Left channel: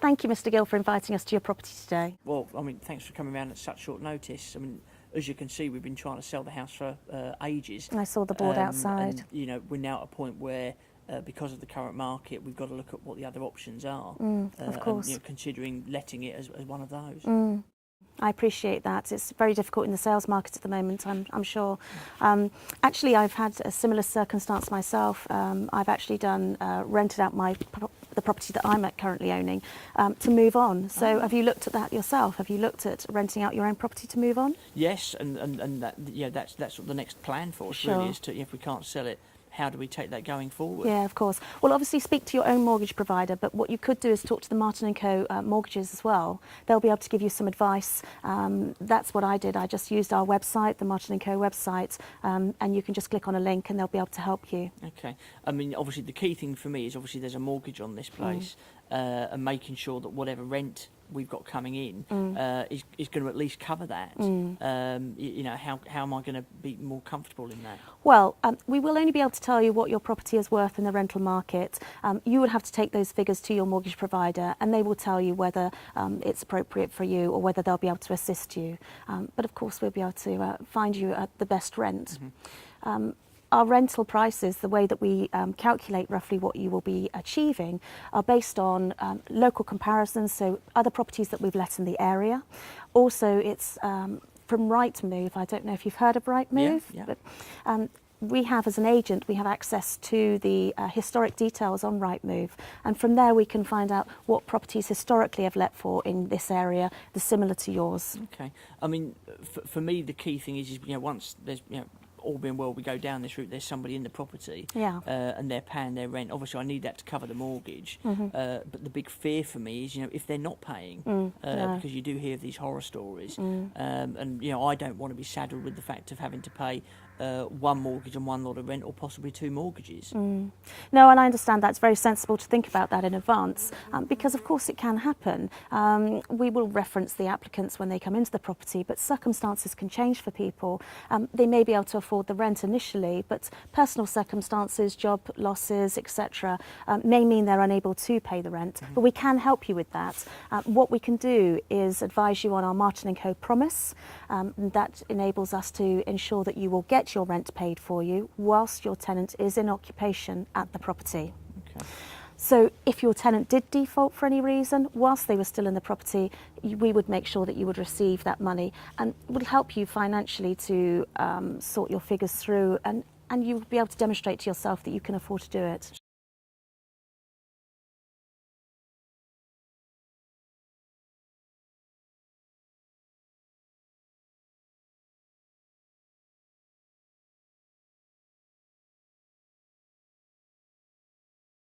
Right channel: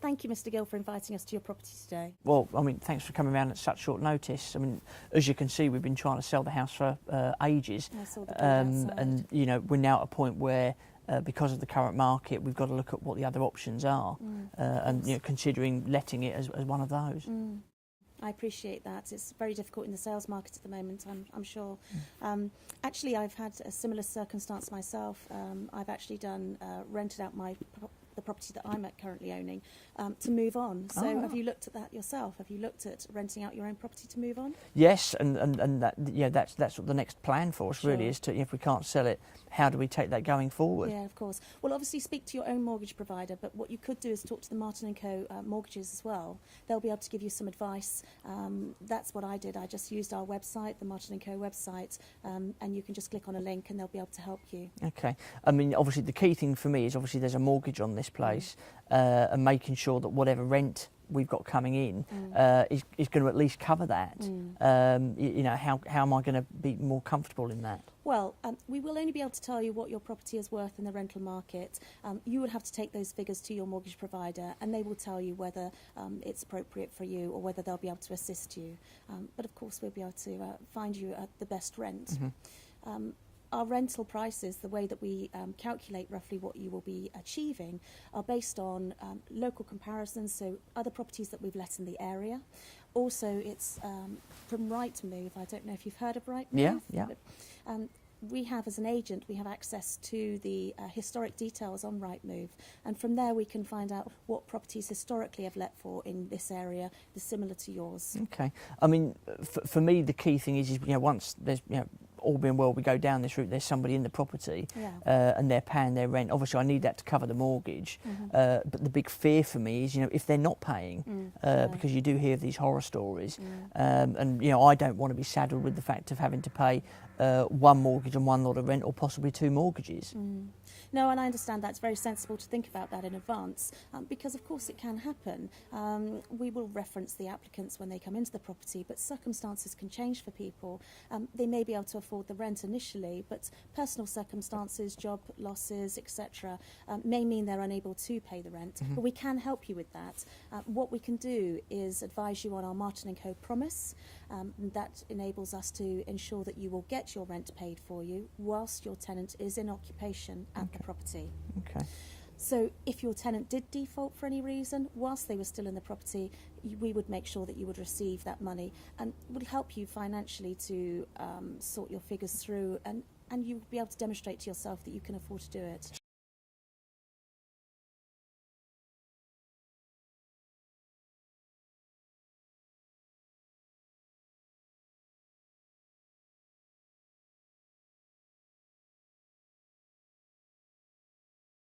Thank you, Mr. Gill, for inviting us to your property today. Well, I mean, thanks for coming around at such short notice. I mean, as you can see, we've been trying to sell the house for ages. I saw the board outside. And, you know, we're now at a point where, because of the current market, we've got to look at what the other options are. Of course. And, you know, considering letting it as one of those. I appreciate that. It's very difficult in the sales market at the moment, I'm sure. Actually, I've had a similar circumstance myself. I've actually rented out the property that I'm currently owning to move on. So have you looked at that yourself? Have you looked at renting out your own property to move on? Yes, and that, yeah, that's the next plan for us, really, is to, if we can't sell it, how do we take that going forward? Yeah, of course. Well, obviously speak to your own mortgage provider, but what you could do is talk to the Martin & Co. Mortgages as well. They'll be able to give you some advice. That's what I did. I just used our website, the Martin & Co. website, and you can just click on a link and they'll be able to help you. Okay. I mean, obviously the key thing for me is obviously there's a mortgage on this place, and making sure that whatever rent we've got coming in is going to at least cover that. You know, how am I going to be more comfortable in that? Well, we will only be able to tell you what your property is worth in the rental market. You would have to take those figures to your mortgage provider and they will tell you whether it's appropriate for you or whether they'll be able to assist you. But of course we'll be able to find you the best rent. Our rental prices, the way that we calculate roughly what you will be achieving, are based on local comparisons, so other properties that we've let in the area. Also, it's from Rightmove. I don't know if you've heard of Rightmove, but we have, as an agent, we have access to the historic details on Rightmove, and from there we can find out what properties historically have let for in this area, the similar to yours. Okay. I mean, for me, the key thing is, you know, once there's, you know, all being well, we go down this route, there's somebody in the property and they're paying their rent. Obviously, I need that to cover the mortgage. But the big fear for me is, you know, if they're not paying, because you do hear of these horror stories. And, you know, I don't want to be saddled with the fact of having to pay one mortgage and one lot of rent, or possibly two mortgages. No, and I understand that's very sensible to think about that in advance, because of course it can happen. We will reference the applicants when they come into the property, but circumstances can change for people. They may be able to afford the rent initially, but personal circumstances, job losses, etc., may mean they're unable to pay the rent. But we can help you with that. What we can do is advise you on our Martin & Co. promise. That enables us to ensure that you will get your rent paid for you whilst your tenant is in occupation at the property. Okay. So if your tenant did default for any reason whilst they were still in the property, we would make sure that you would receive that money, and would help you financially to sort your figures through, and you would be able to demonstrate to yourself that you can afford to do it.